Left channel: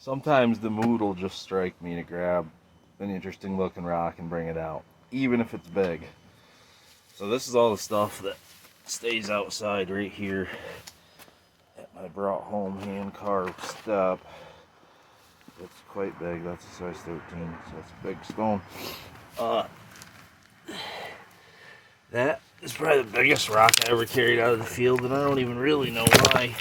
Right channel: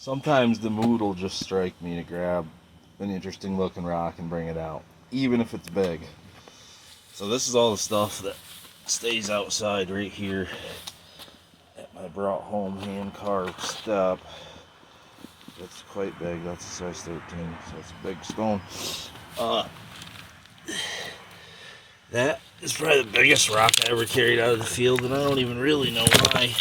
Sometimes the mood will just strike me to grab an interesting looking rock and bring it out, even if it's big. So this is all the stuff that stays outside right here at my brought home hand carved step. It's quite big. That's a size 13, so it's a big stone. That is probably the biggest rock I ever carried out of the field, and I don't even really know why.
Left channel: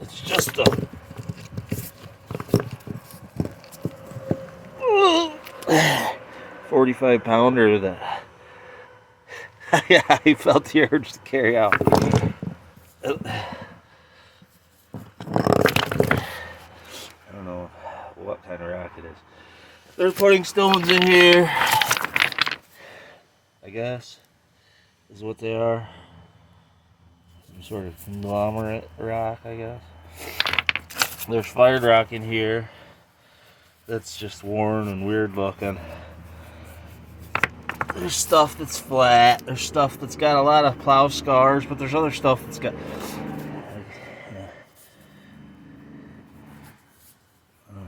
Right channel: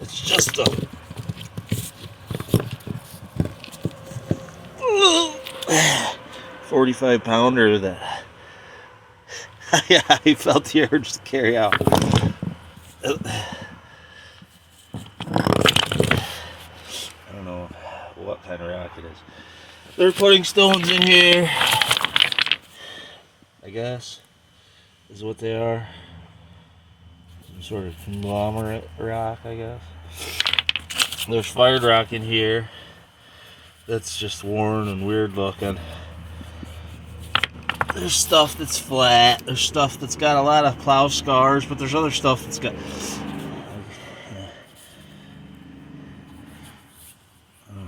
It's just a 45 pounder that yeah, I felt the urge to carry out. I don't know what kind of rock it is. They're putting stones in here, I guess, is what they are. Some sort of conglomerate rock, I guess. There's fired rock in here that's just worn and weird looking. There's stuff that's flat. There's stuff that's got a lot of plow scars, but there's other stuff that's got...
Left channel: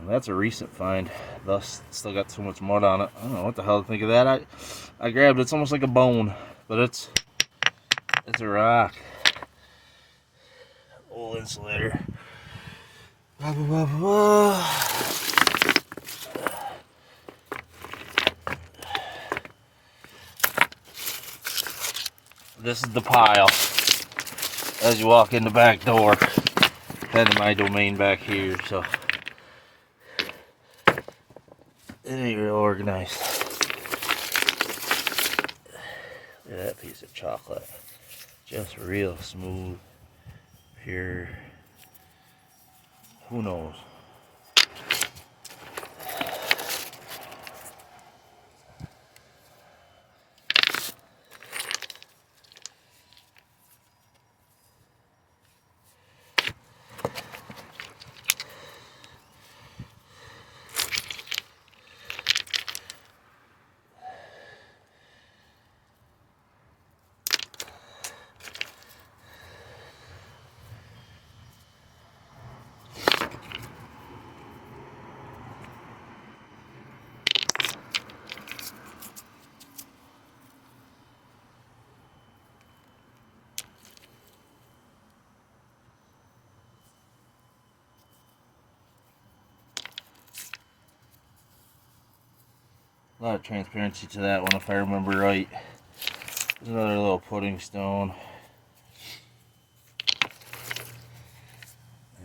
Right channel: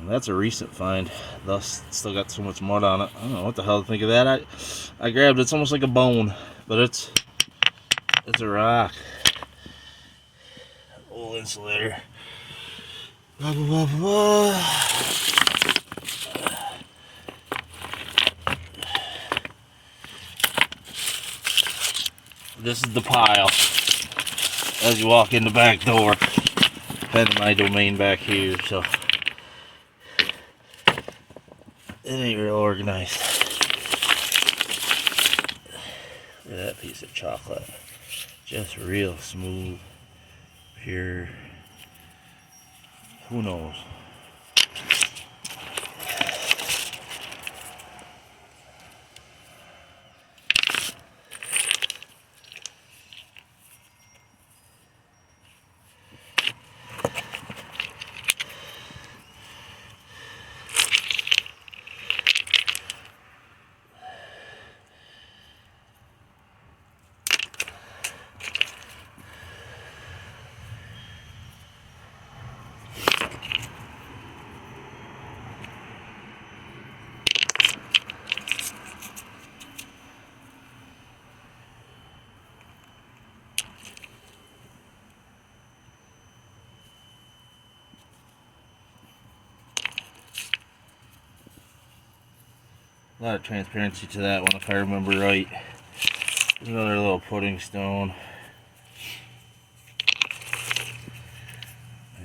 That's a recent find, thus still got so much mud on it. I don't know what the hell to think of that. I grabbed it. It's almost like a bone, but it's a rock. Old insulator. Blah, blah, blah, blah. This is the pile as you walk in the back door. Heading my domain back here, so it ain't real organized. Look at that piece of chocolate. Just real smooth, pure. Who knows? A lot of transparency to that one, if I remember right. There's another little pudding stone. I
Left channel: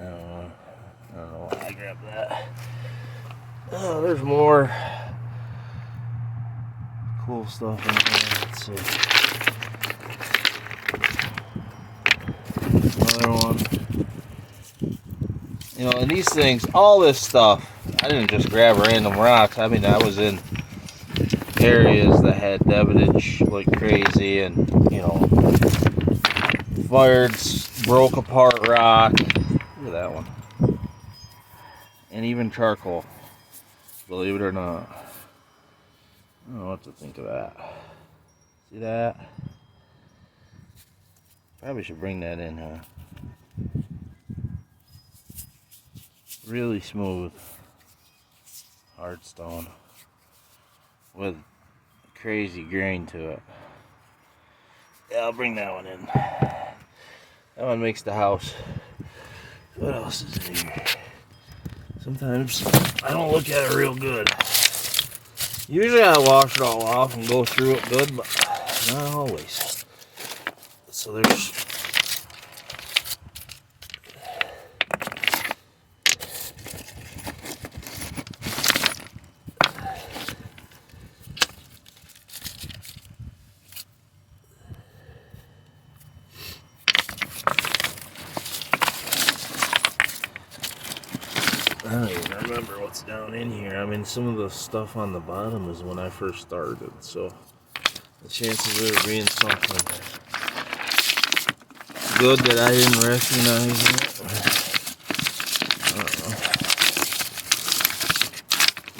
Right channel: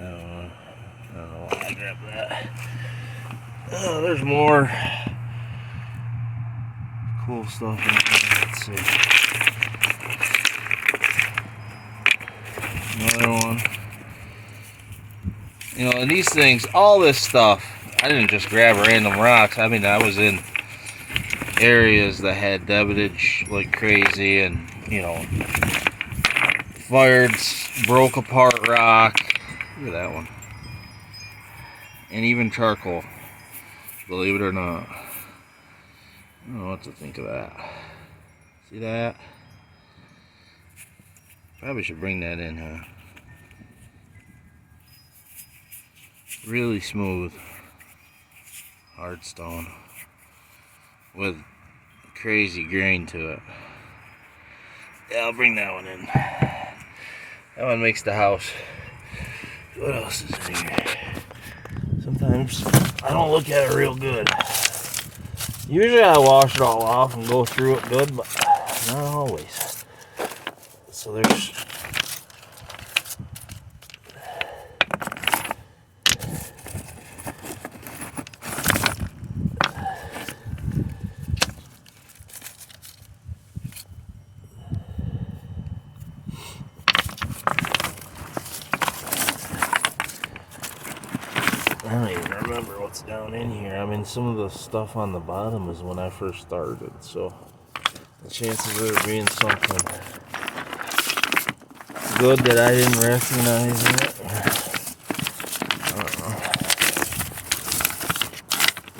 don't know why I grabbed that. Oh, there's more cool stuff in here. Let's see. Another one. You know, and these things, all this stuff, I didn't just grab random rocks. I mean, I was in areas that had debitage like crazy, and, you know, fired, broke apart rock. Look at that one. And even charcoal, believe it or not. I don't know what to think of that. See that? Probably should bring that in, huh? Really smooth, hard stone with crazy grain to it. Yeah, I'll bring that one in. That one makes the house. What else is in here? Sometimes I don't look at it real good. Usually I wash it all off and go through it good, but not always. So there's I don't even remember what's down in here. I mean, some of the stuff on the bottom is when I first started, so the chances of there being something good that I didn't recognize in it, I don't know.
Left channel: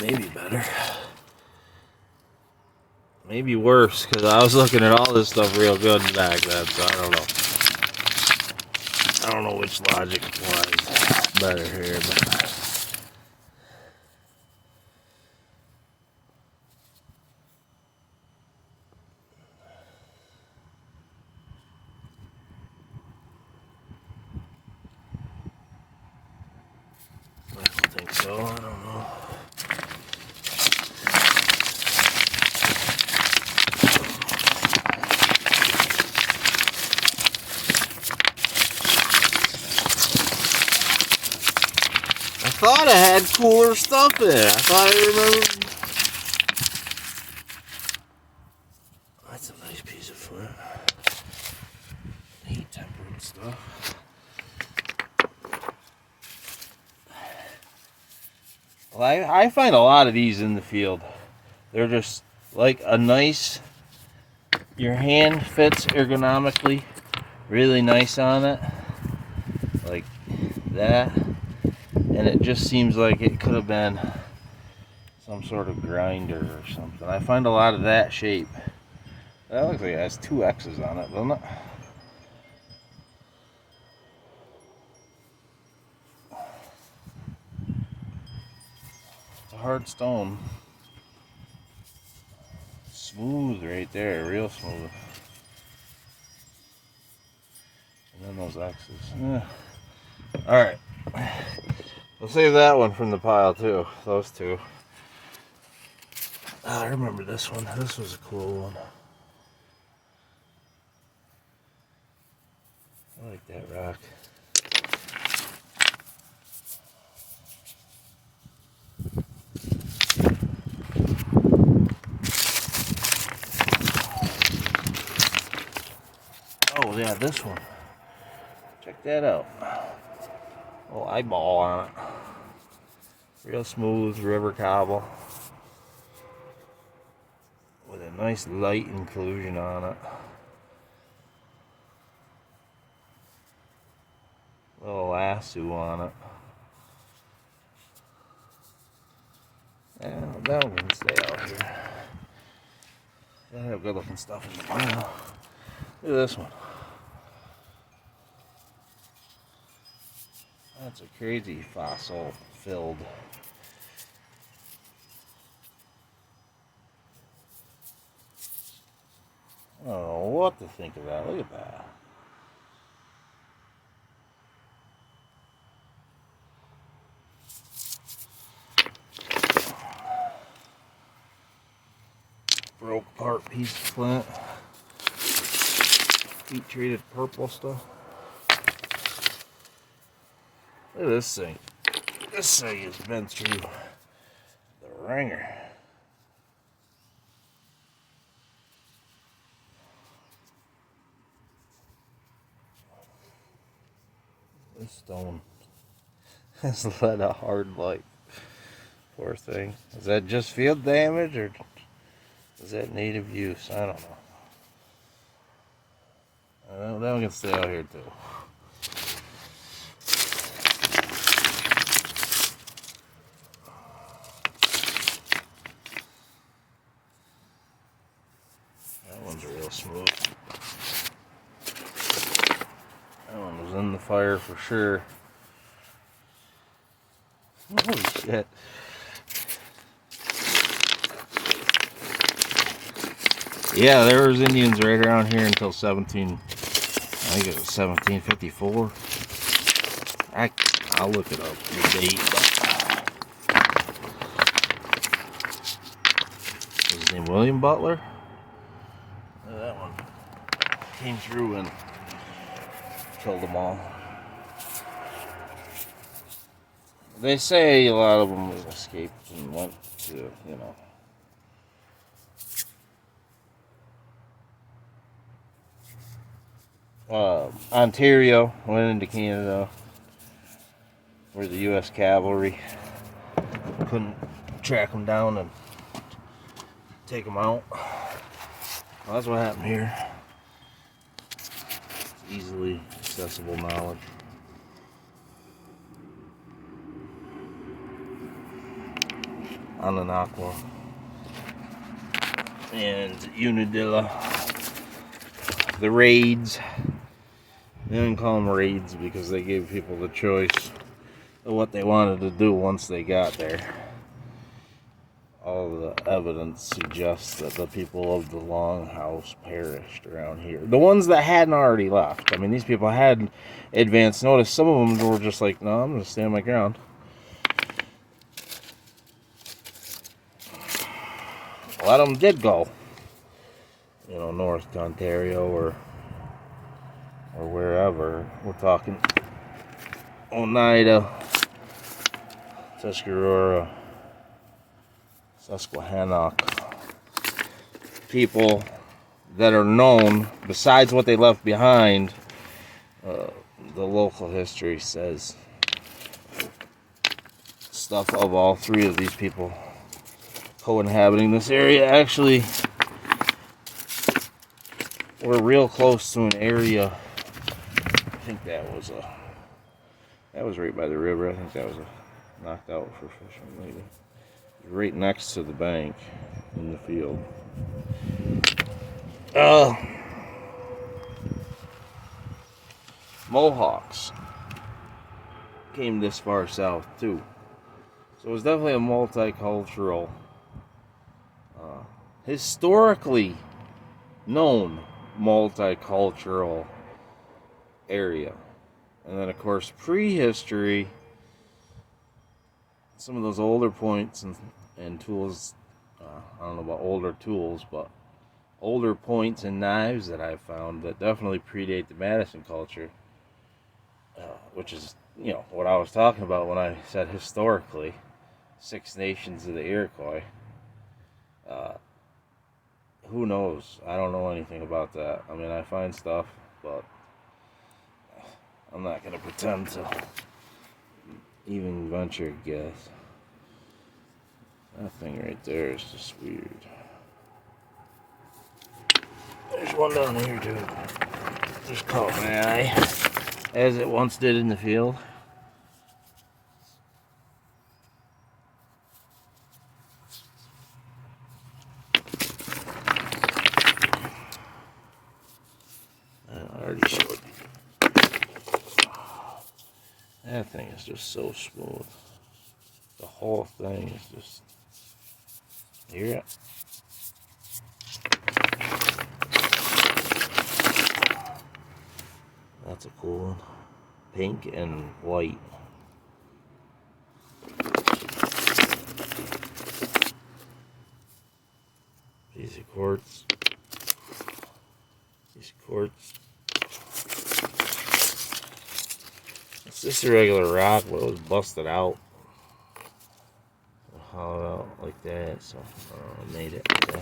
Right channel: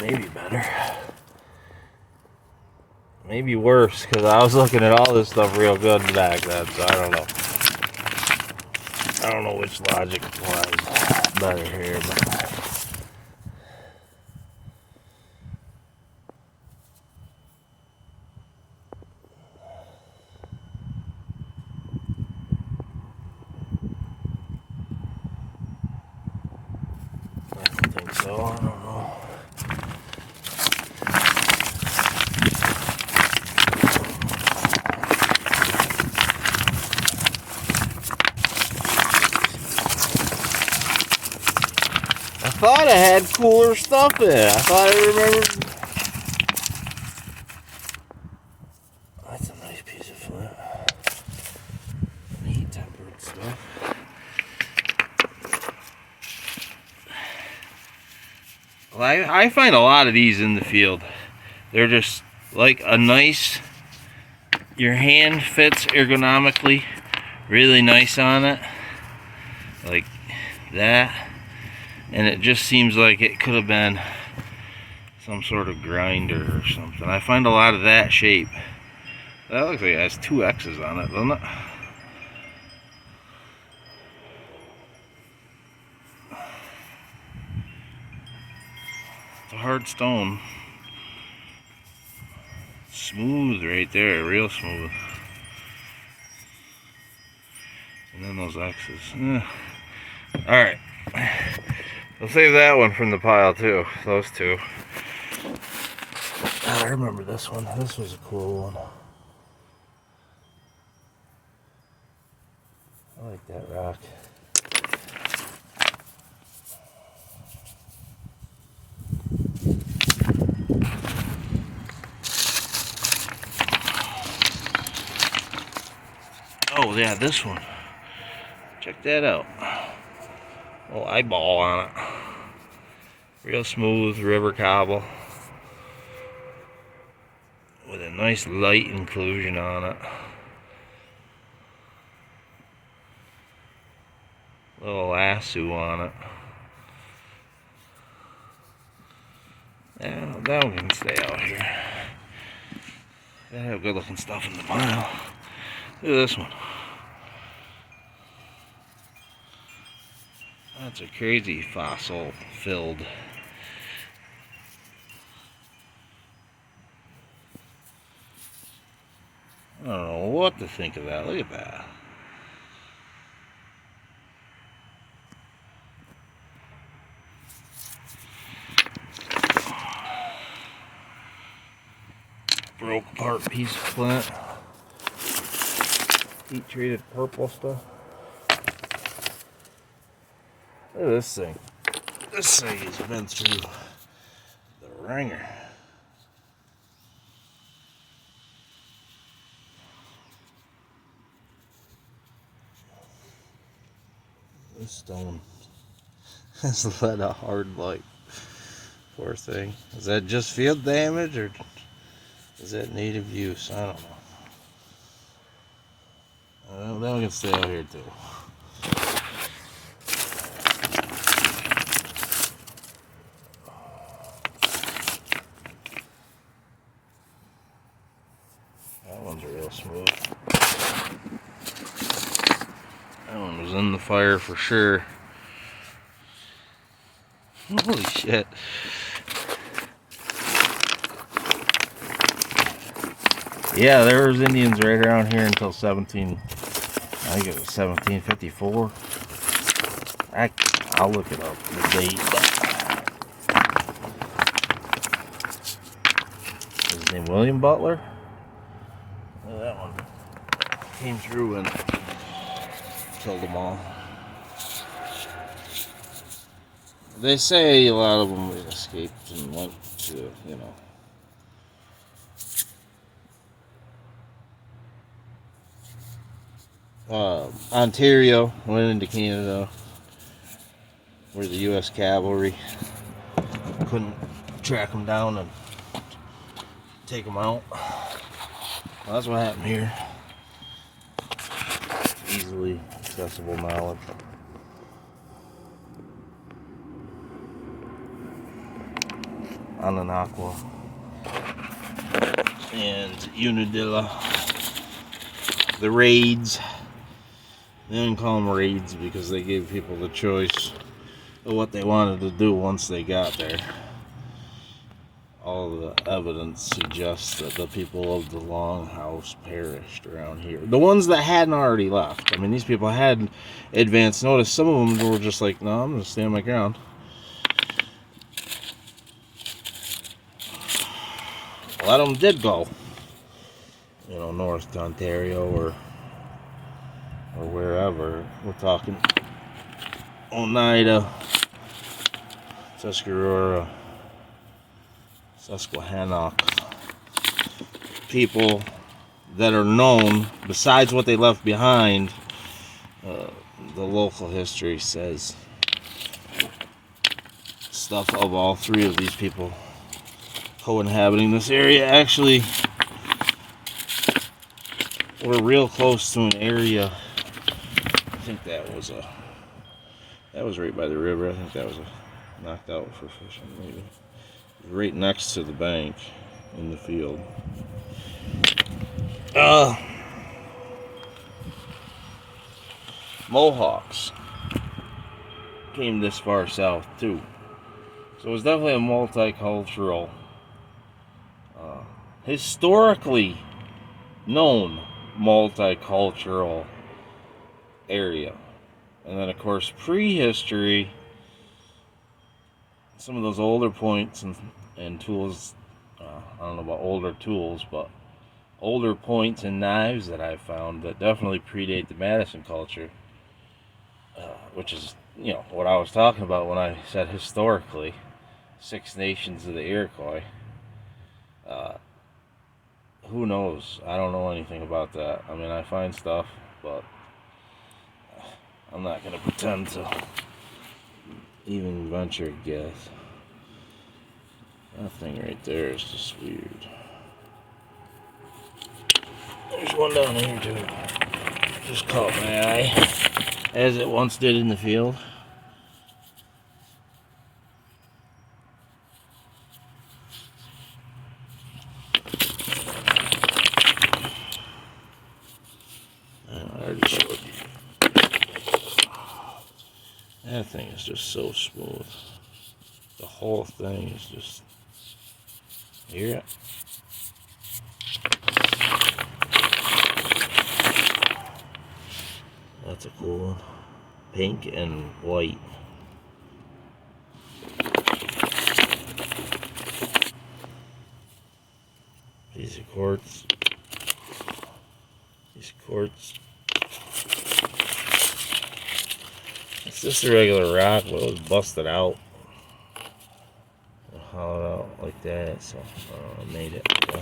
Maybe better. Maybe worse, because I was looking at all this stuff real good back then, so I don't know. I don't know which logic applies better here, but I don't think so. I don't know. I thought I had cooler stuff in it. I thought I remembered. That's a nice piece of flint. Heat tempered stuff. Well, I find a lot of these in the field. They're just like a nice, your hand fits ergonomically really nice on it. Like that. And it just seems like it could have been some sort of grinder or something. I find a lot of that shape. That looks like it has 2 X's on it, doesn't it? It's a hard stone. Smooth right there, real smooth. And then those X's. Alright. We'll save that one from the pile too. Those two. I remember this one. This was a cool one. I like that rock. Oh yeah, this one. Check that out. Little eyeball on it. Real smooth river cobble. With a nice light inclusion on it. Little lasso on it. Yeah, that one can stay out here. They have good looking stuff in the pile. Look at this one. That's a crazy fossil filled. I don't know what to think of that. Look at that. Broke apart piece of flint. Heat treated purple stuff. Look at this thing. This thing has been through the ringer. This stone has led a hard life. Poor thing. Is that just field damage or is that native use? I don't know. That one can stay out here too. That one's real smooth. That one was in the fire for sure. Holy shit. Yeah, there was Indians right around here until I think it was 1754. I'll look it up, the date. His name William Butler? That one came through and killed them all. They say a lot of them escaped and went to, Ontario, went into Canada, where the U.S. cavalry couldn't track them down and take them out. Well, that's what happened here. Easily accessible knowledge. Ananakwa and Unadilla, the raids, They didn't call them raids because they gave people the choice of what they wanted to do once they got there. All the evidence suggests that the people of the Longhouse perished around here. The ones that hadn't already left. I mean, these people had advance notice. Some of them were just like, no, I'm going to stand my ground. A lot of them did go, north to Ontario or wherever. We're talking Oneida, Tuscarora, Susquehannock. People that are known, besides what they left behind, the local history says stuff of all three of these people co-inhabiting this area. Actually, we're real close to an area. I think that was right by the river. I think that was knocked out for fishing, maybe. Right next to the bank in the field. Mohawks came this far south too. So it was definitely a multicultural, historically known multicultural area. And then, of course, prehistory, some of those older points and tools, I don't know about older tools, but older points and knives that I've found that definitely predate the Madison culture, which is, what I was talking about when I said historically, Six Nations of the Iroquois. Who knows? I don't know anything about that. I mean, I find stuff, but I'm not going to pretend to even venture a guess. That thing right there is just weird. There's one down here too. Just caught my eye, as it once did in the field. I already showed you. That thing is just so smooth. The whole thing is just... Hear it? That's a cool one. Pink and white. Piece of quartz. Piece of quartz. It's just a regular rock, but it was busted out. Hollowed out like that, so I made it. So.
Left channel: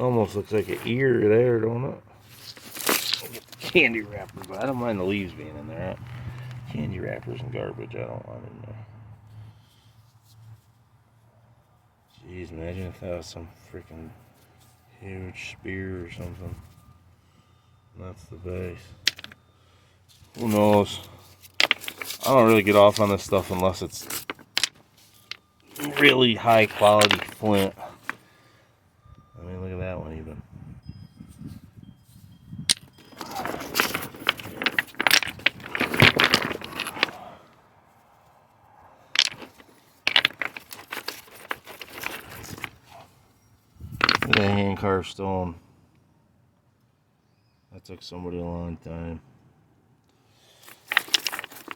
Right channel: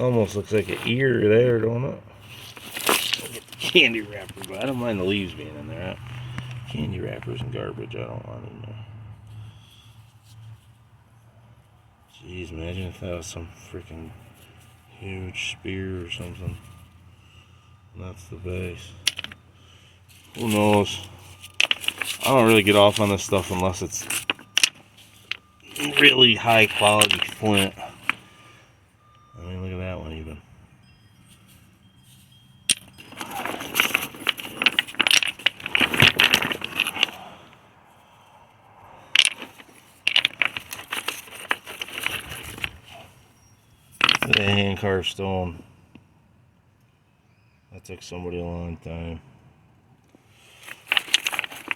Almost looks like an ear there, don't it? Get the candy wrapper, but I don't mind the leaves being in there. Candy wrappers and garbage I don't want in there. Jeez, imagine if that was some freaking huge spear or something. And that's the base. Who knows? I don't really get off on this stuff unless it's really high quality flint. I mean, look at that one even. Look at that hand carved stone. That took somebody a long time.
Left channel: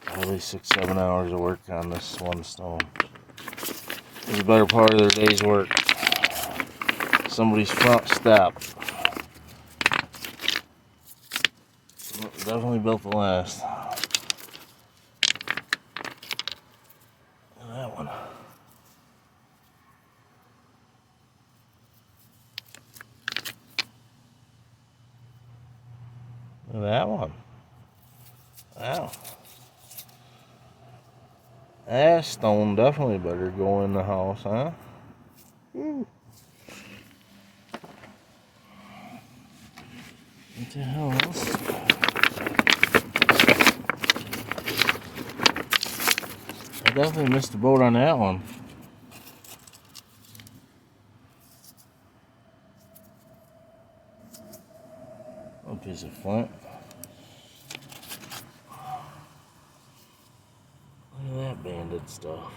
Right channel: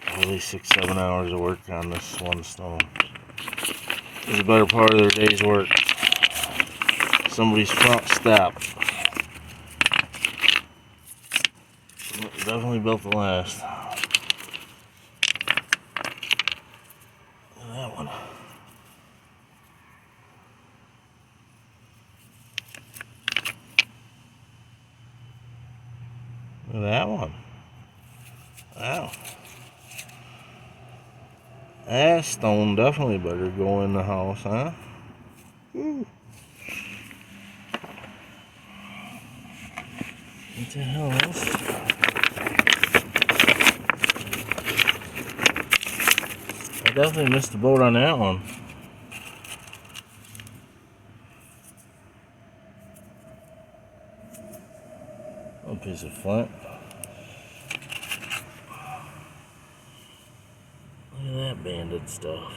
Probably 6-7 hours of work on this one stone. It was a better part of their day's work. Somebody's front step. Definitely built to last. Look at that one. Look at that one. Wow. That stone definitely better go in the house, huh? Woo. What the hell else? definitely missed the boat on that one. A piece of flint. Look at that banded stuff.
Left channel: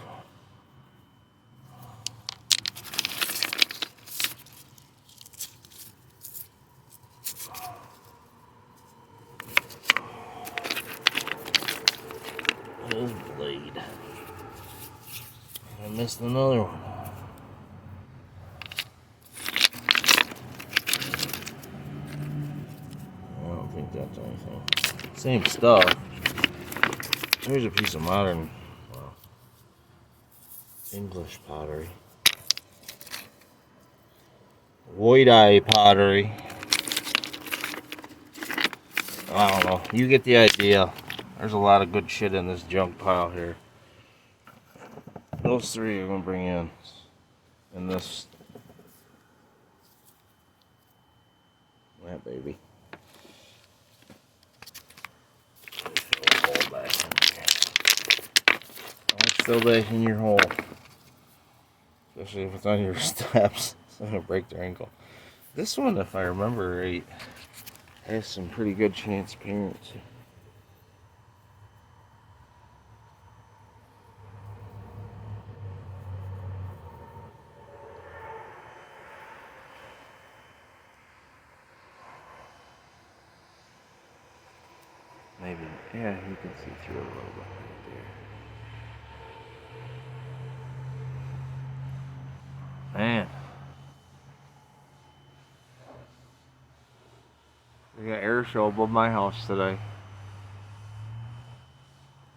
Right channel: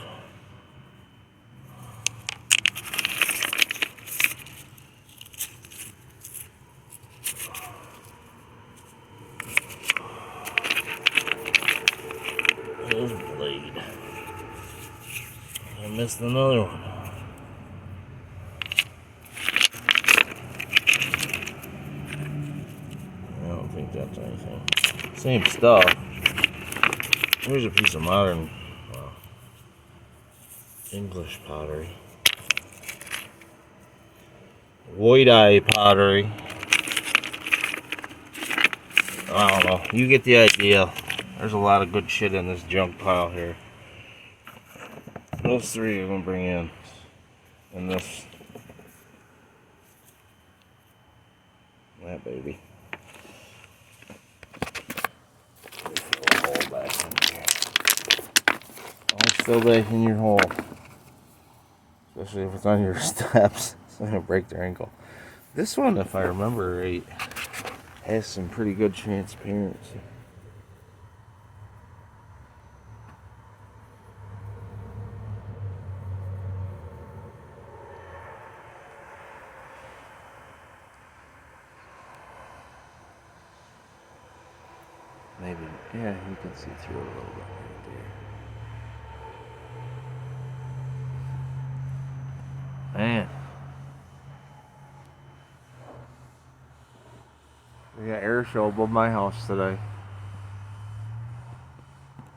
There's a blade. I missed another one. I don't think that's anything. Same stuff. Here's a piece of modern, well, English pottery. White-eye pottery. I don't know. You get the idea. There's a lot of good shit in this junk pile here. Those three I'm gonna bring in. And this. That baby. Hole back in here. Always fill that in your hole. Especially if it's on your steps. It's gonna break their ankle. This one, if I remember right, has some pretty good transparency. Maybe, yeah, you can see through it a little bit right there. Man. We got air show above my house today.